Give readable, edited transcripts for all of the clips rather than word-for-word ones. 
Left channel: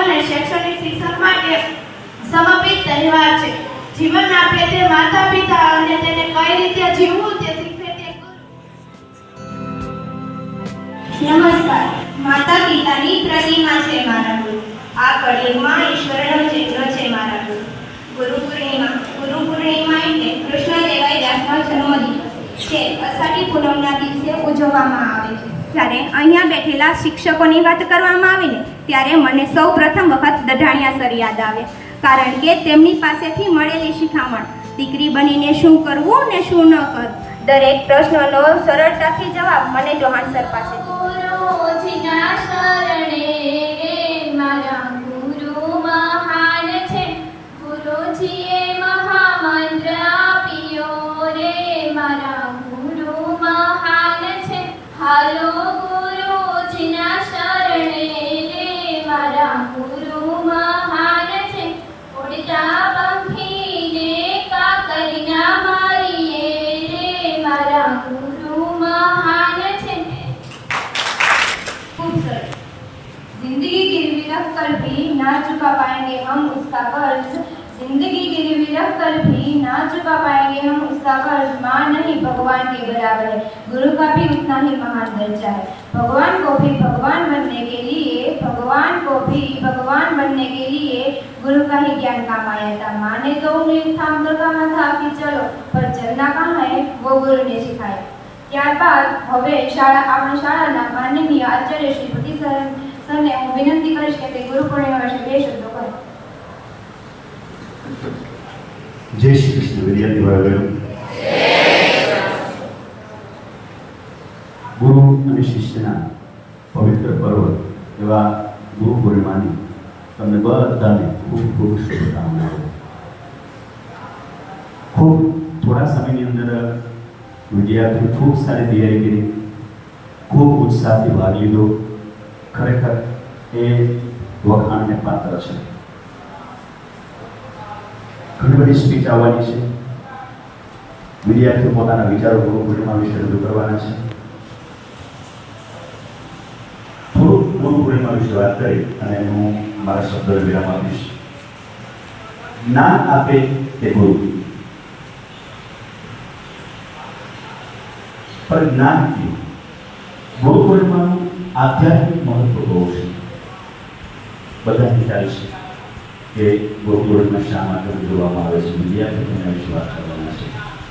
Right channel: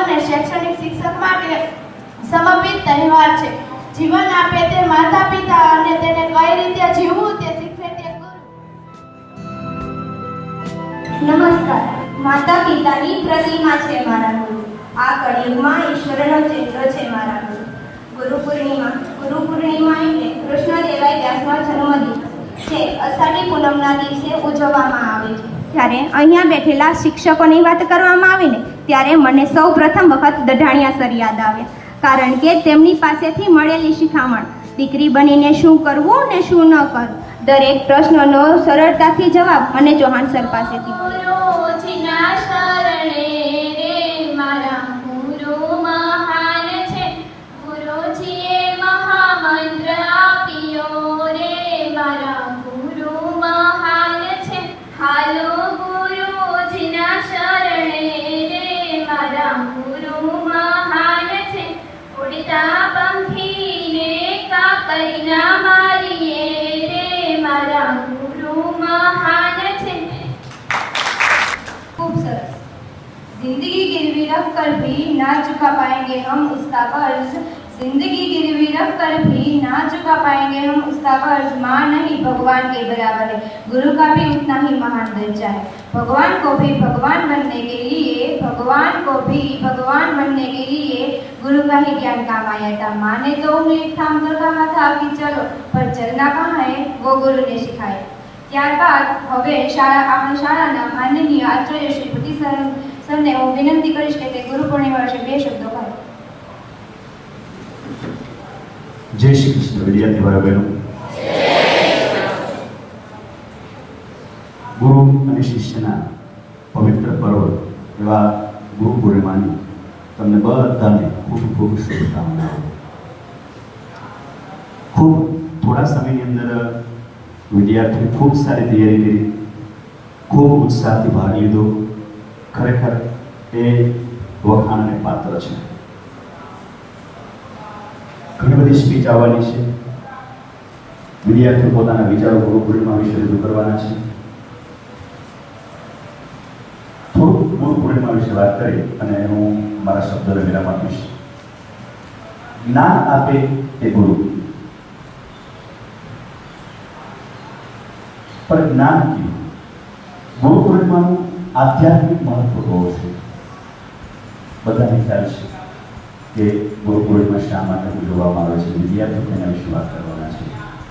અને શૈક્ષણિક શિક્ષણ માટે સમર્પિત તહેવાર છે. જીવન આપે તે માતા પિતા અને તેને કઈ રીતે જીવવું તે શીખવે તે ગુરુ. નમસ્કાર. માતા પિતાની પ્રતિમા છે મારા ગુરુ. આ કળિયુગમાં ઈશ્વરનો ચિત્ર છે મારા ગુરુ. ગુરુ પૂર્ણિમા એટલે કૃષ્ણ દેવાય વ્યાસનો જન્મદિવસ છે. અષાઢી પૂનમના દિવસે ઉજવવામાં આવે છે. ત્યારે અહીંયા બેઠેલા શિક્ષકોની વાત કરવામાં આવે ને ત્યારે મને સૌ પ્રથમ વખત દઢાણિયા સર યાદ આવે, કારણ કે તેમની પાસેથી મળેલી શિખામણ દીકરી બનીને શું કરવું ને શું ન કરવું, દરેક પ્રશ્નનો સરળતાથી જવાબ મને ચૌહાણ સર પાસેથી. ગુરુજીના શરણે રે મારા ગુરુ મહાન છે. ગુરુજીએ મહામંત્ર આપ્યો રે મારા ગુરુ મહાન છે. હાલો ગુરુજીના શરણે રે મારા ગુરુ મહાન છે. ઉડતા પંખીને કાકરીના મારીએ રે મારા ગુરુ મહાન છે. खूब सरस. जिंदगी गिरवी रख कर भी ना चुका पाएंगे हम उसका कर्ज. जिंदगी गिरवी रख कर भी ना चुका पाएंगे हम उसका कर्ज. माँ नहीं भगवान के बराबर है, गुरु का भी उतना ही महान दर्जा है. भगवान को भी भगवान बनने के लिए गुरु का ही ज्ञान काम आया था. माँ ने तो उन्हें थाम कर कहा था कि चलो, पर चलना कहाँ है वो गुरु ने सिखाया. ત્યારબાદ હવે આપણી શાળાના માનનીય આચાર્ય શ્રી ભટ્ટી સરને હું વિનંતી કરીશ કે તે ગુરુ પૂર્ણિમા વિશે 2 શબ્દો કહે. જય શ્રી કૃષ્ણ. વિદ્યાર્થી ભાઈઓ બહેનો, ગુરુ અને શિષ્યના પવિત્ર પર્વ એવા ગુરુ પૂર્ણિમાની તમને બધાને ખૂબ ખૂબ શુભકામનાઓ. ખૂબ થોડા સમયની અંદર વિદ્યાર્થીઓ ખૂબ સારી તૈયારી કરી, ખૂબ ઉત્સાહથી ભાગ લીધો. ખરેખર એ વખાણને પાત્ર છે. ઘણી બધી સ્પીચ આવવાની છે. વિદ્યાર્થીઓ પોતાના વિચારો ગુરુ પૂર્ણિમા વિશે રજૂ કરવાના છે. થોડુંક ગુરુ પૂર્ણિમા વિશે વાત કરી અને હું મારા શબ્દોને વિરામ આપીશ. જ્ઞાન આપે એ ગુરુ, पर ज्ञान की गुरु पूर्णिमा आध्यात्मिक महत्व बहुत है. बधाने ख्याल है कि गुरु पूर्णिमा शा माटे उजवવામાં આવે છે. વિદ્યાર્થીઓ એના વિશે વાત કરવાના છે.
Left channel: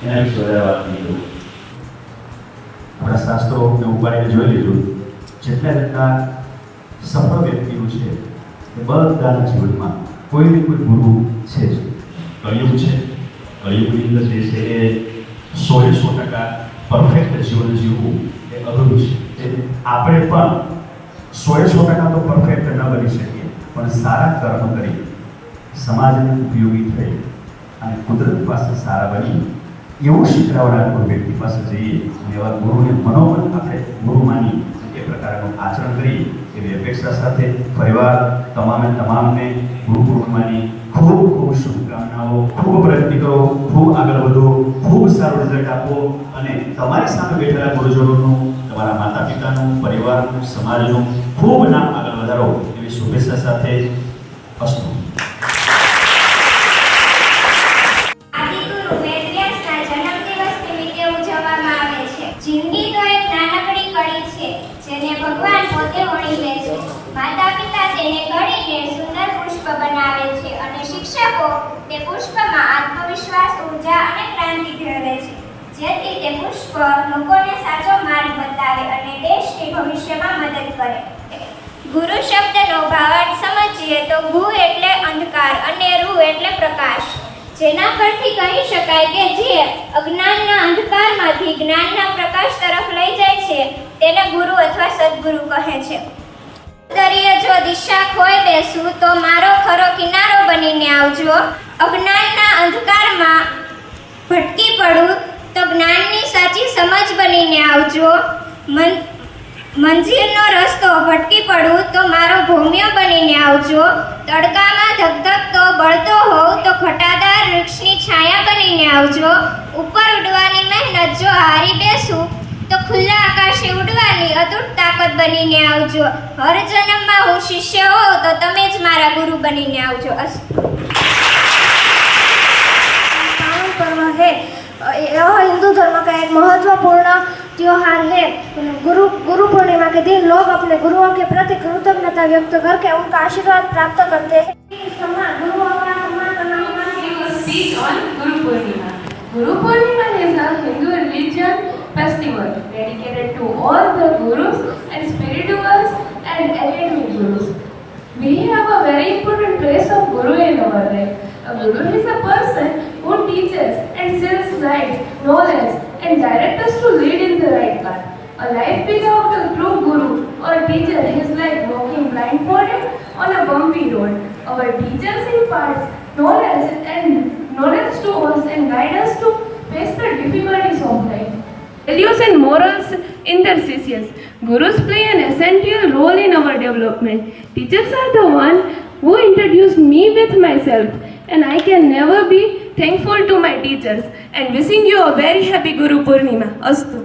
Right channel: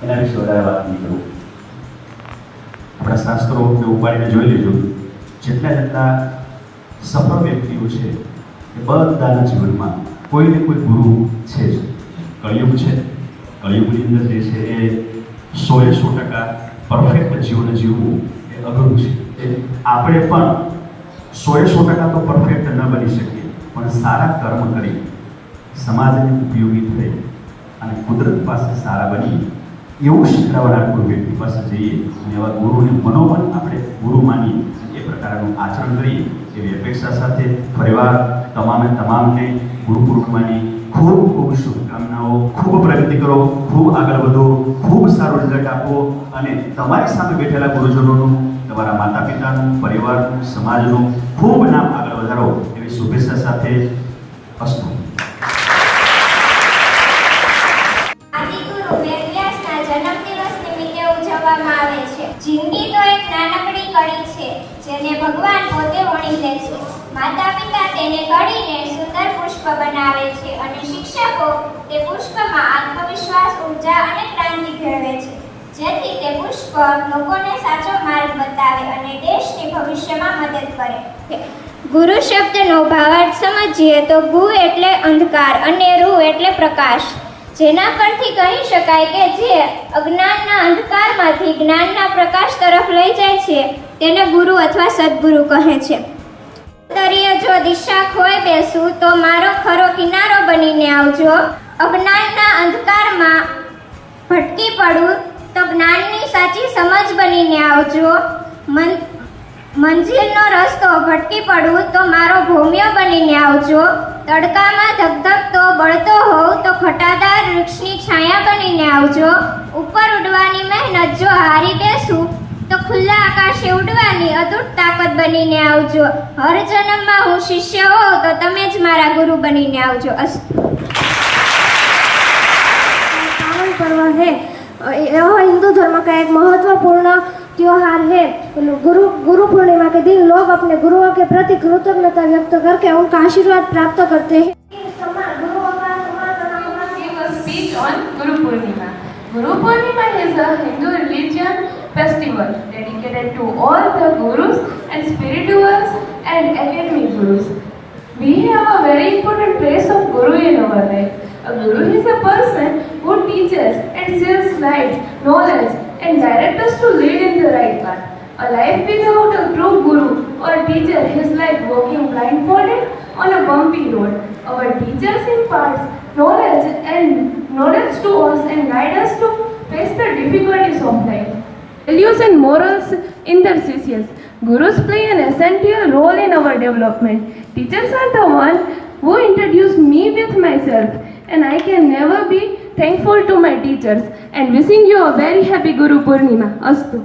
એના વિશે વધારે વાત નહીં કરું. આપણા શાસ્ત્રો કે ઉપાડીને જોઈ લેજો. જેટલા સફળ વ્યક્તિઓ છે એ બધાના જીવનમાં કોઈ ને કોઈ ગુરુ છે જ. કળિયુગ છે, કળિયુગની અંદર જે છે એ 100% પરફેક્ટ જીવન જીવવું એ અઘરું છે. આપણે પણ 100% તો પરફેક્ટ ન બની શકીએ, પણ સારા કર્મ કરી સમાજને ઉપયોગી થઈ અને કુદરત પાસે સારા બની એવું શીખવાડનાર કોઈ વ્યક્તિ પાસે જઈએ અને એવા ગુરુને મનોમન આપણે ગુરુ માની એ પ્રકારનું આચરણ કરી એવી અપેક્ષા સાથે ફરીવાર તમામને ગુરુ પૂર્ણિમાની ખૂબ ખૂબ શુભકામનાઓ. ખૂબ પ્રગતિ કરો, ખૂબ આગળ વધો, ખૂબ સારું રિઝલ્ટ આપો અને તમારી સામે બેઠેલા ગુરુજનોનું, તમારા માતા પિતાનું, પરિવારનું, સમાજનું ખૂબ નામ આગળ વધારો એવી શુભેચ્છા સાથે અસ્તુ. આદિગુરુ વેદવ્યાસના જન્મદિવસ નિમિત્તે ઉજવવામાં આવે છે. જિંદગી તો એક નાનકડી કળી છે જેને ભગવાન પોતે વણી લે છે. માતા પિતા તેને કળીને સુંદર પુષ્પ બનાવે છે અને શિક્ષકો તે પુષ્પમાં આત્મવિશ્વાસ, ઉર્જા અને ક્રાંતિ ભેળવે છે, જેથી તે પુષ્પ લોકોને સાચો માર્ગ બતાવે અને દેશની ભવિષ્યમાં મદદ કરે. ગુરુ શબ્દનો ભાવાર્થ સમજીએ તો ગુ એટલે અંધકાર અને રૂ એટલે પ્રકાશ, જેના પરથી કહી શકાય કે જે અજ્ઞાનના અંધકારમાંથી જ્ઞાનના પ્રકાશ તરફ લઈ જાય છે તેને ગુરુ અથવા સદગુરુ કહે છે. દરિયે જો દિશા ખોઈ બેસું તો મારો ખરો કિનારો બનીને આવજો. અજ્ઞાનના અંધકારમાં ભટકી પડું તો જ્ઞાનની સાચી સમજ બનીને આવજો. મંજિલનો રસ્તો ભટકી પડું તો મારો ભોમ્યો બનીને આવજો. તડકામાં ધગધગતો બળતો હોવ તો ઘટાદાર વૃક્ષની છાયા બનીને આવજો. ઉપર ઉડવાની મહેનત જો હારી બેસું તો ખુલ્લા આકાશે ઉડવાની અતૂટ તાકાત બનીને આવજો. હર જન્મમાં હું શિષ્ય હોઉં તો તમે જ મારા ગુરુ બનીને આવજો. पावन पर्व है, यह हिंदू धर्म का एक महत्वपूर्ण त्योहार है. गुरु पूर्णिमा के दिन लोग अपने गुरुओं के प्रति कृतज्ञता व्यक्त करके उनका आशीर्वाद प्राप्त करते हैं. Give a speech on Guru Purnima. Guru Purnima is a Hindu religion festival dedicated to all the gurus and spirituals and academic gurus. We have a very important place of guru in our life. A guru is a person who teaches and shares light, knowledge and directs us to lead in the right path. A life without a true guru or teacher is like walking blindfolded on a bumpy road. Our teachers impart knowledge to us and guide us to face the difficulties of life. Values and morals in their sessions. Gurus play an essential role in our development. Teachers are the one who introduced me with myself, and I can never be thankful to my teachers. And wishing you a very happy Guru Purnima. Astu.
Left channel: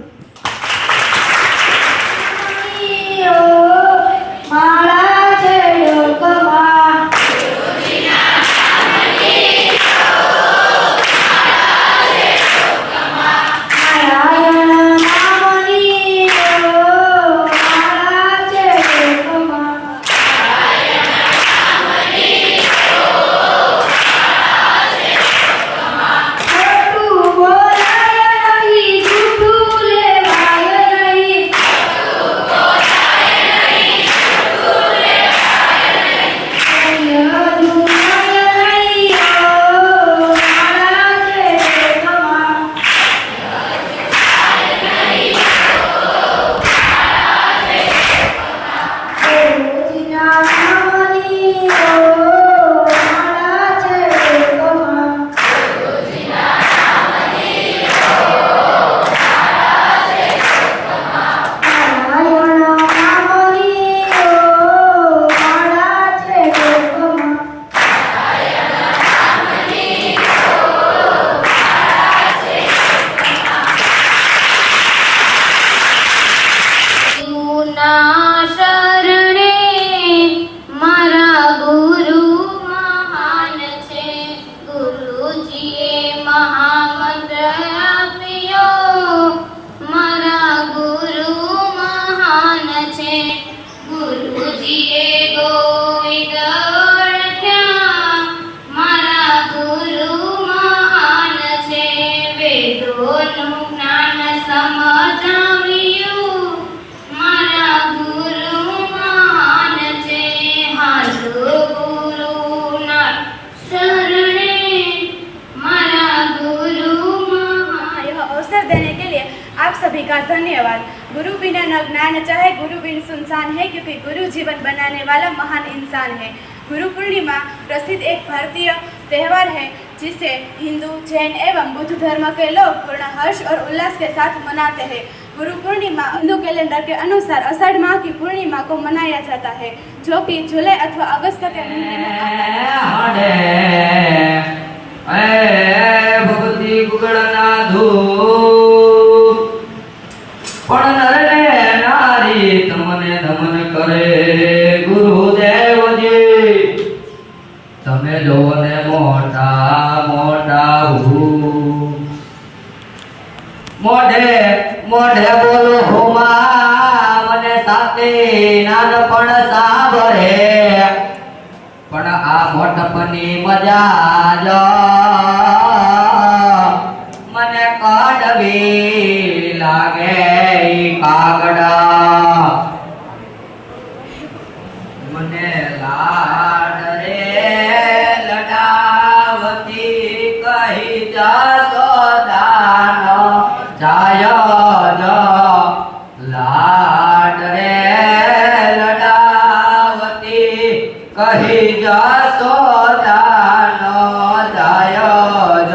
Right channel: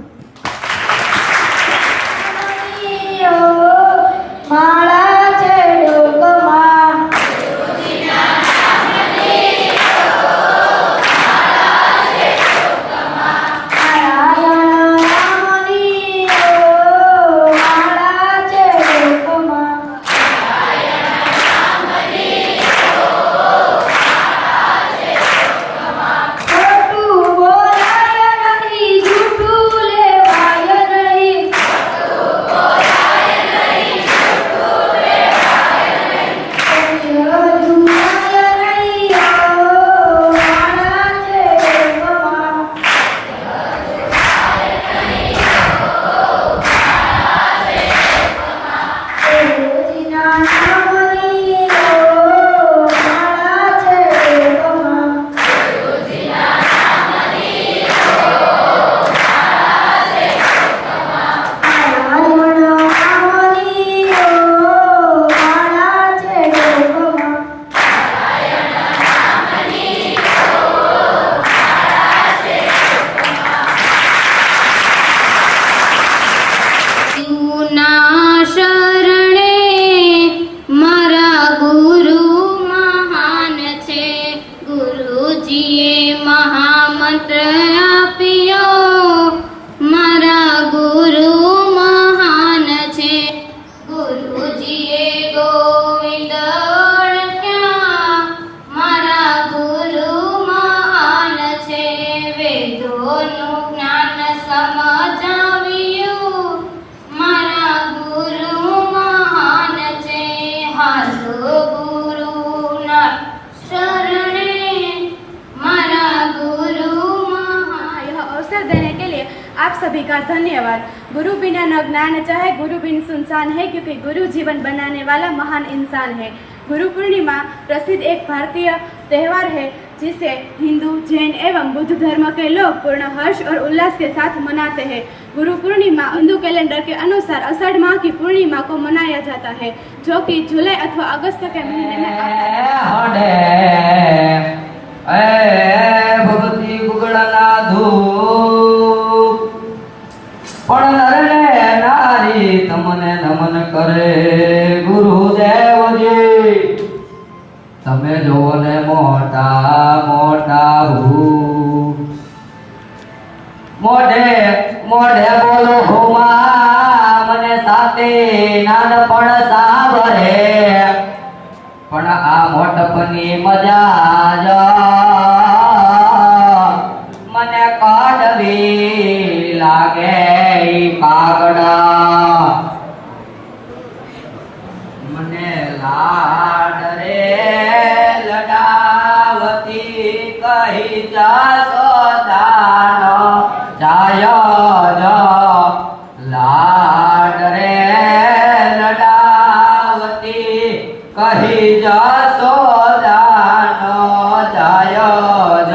सभी का धन्यवाद. गुरु बिना न ज्ञान चाहे, गुरु बिन सुनसान है, क्योंकि गुरु जीवन बनाने वाला महान इंसान है. गुरु पूर्णिमा प्रसिद्ध एक भारतीय त्यौहार है जिसे हिंदू, जैन एवं बुद्ध धर्म के लोग पूर्ण हर्ष और उल्लास के साथ मनाते हैं. गुरु पूर्णिमा हिंदू कैलेंडर के अनुसार आषाढ़ माह की पूर्णिमा को मनाया जाता है, जो कि जुलाई अथवा अगस्त के महीने में आता है. પણ નરને નારી તમને નમન કરે ગુરુદેવજી. તમે જોવો ને મોટા મોટા મોઢે મોઢે બોલો હોમા મને સાથે નાનપણ સાંભળે, પણ આ મોટપની મજા જ મને કડવી લાગે. કાગડા મને લાડ રે લડાવતી કહી જસોદાનો જાય જ. લાડ રે લડાવતી કહી જસોદાનો જાય જ.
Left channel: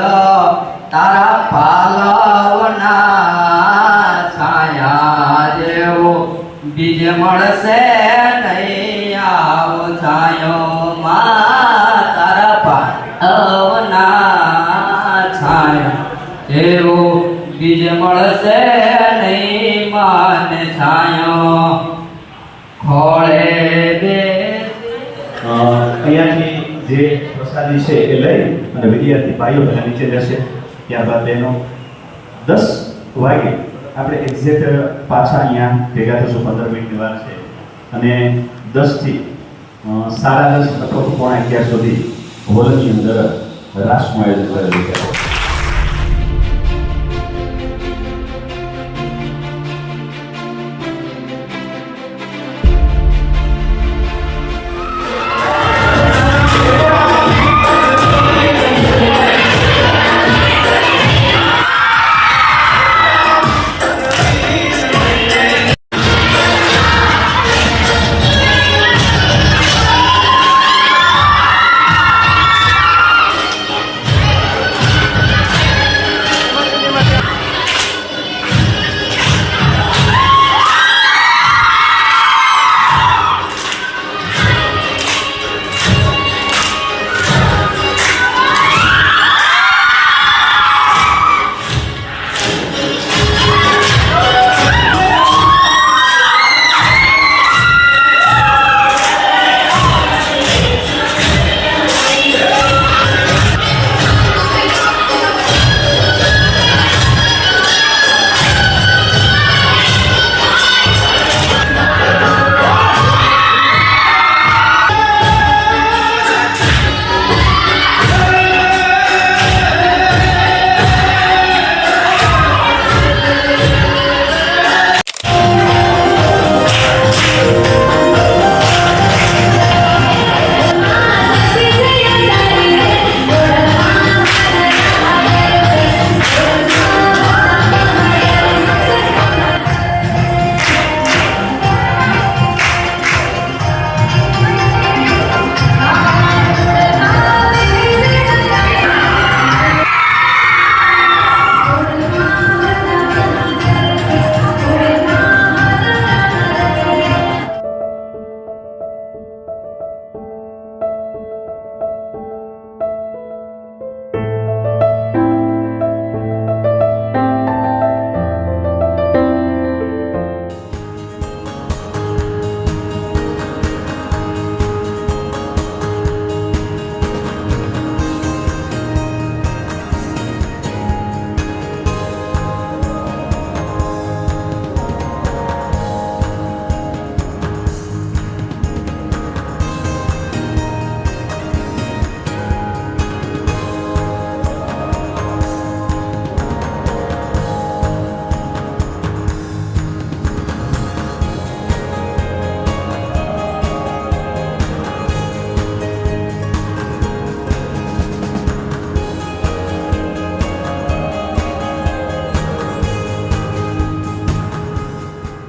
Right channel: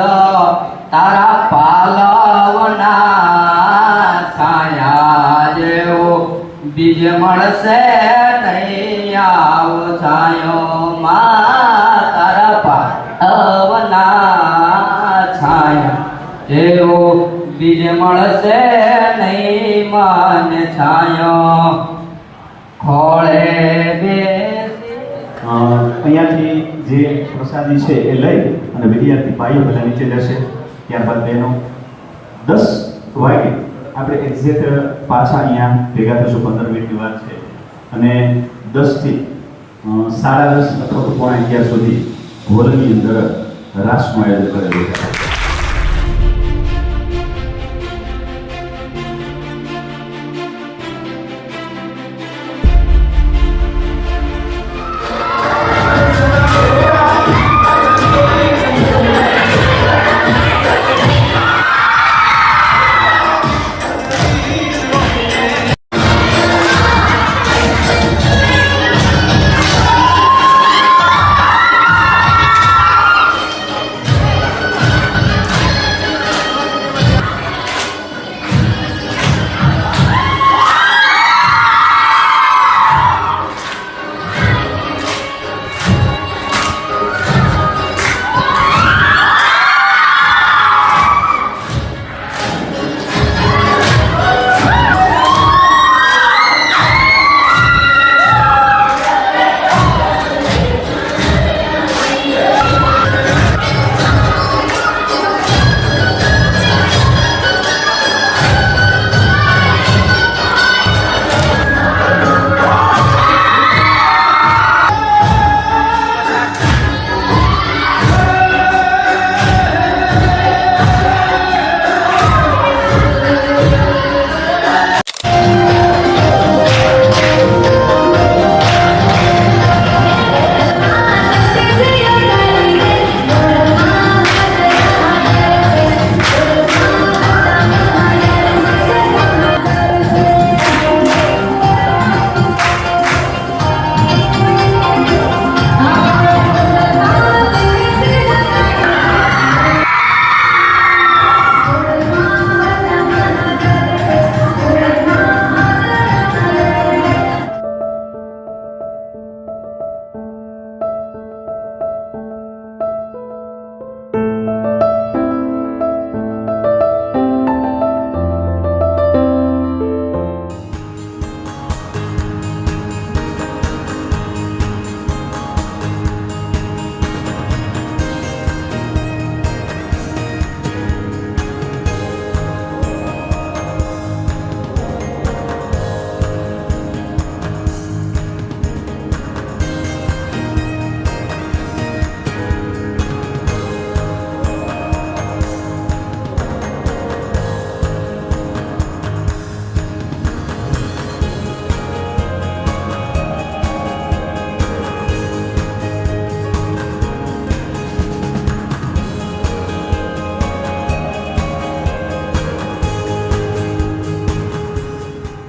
તારા પાલવના બીજ મળશે નહીં આવો છાયો માં. તારા પાવના છાયા જેવો બીજ મળશે નહીં માને છાયો. ખોળે બેસી અહીંયાથી જે પ્રસાદી છે એ લઈ અને વિદ્યાર્થી ભાઈઓ પહેલા નીચે જશે, ત્યારબાદ બહેનો 10 વાગે આપણે એક્ઝેક્ટ પાછા અહીંયા ભેગા થશું. 15 મિનિટની વાર છે અને 10 થી 10:30 અથવા તો 11:15 સુધી હોલની અંદર રાસનું આયોજન કરેલું છે.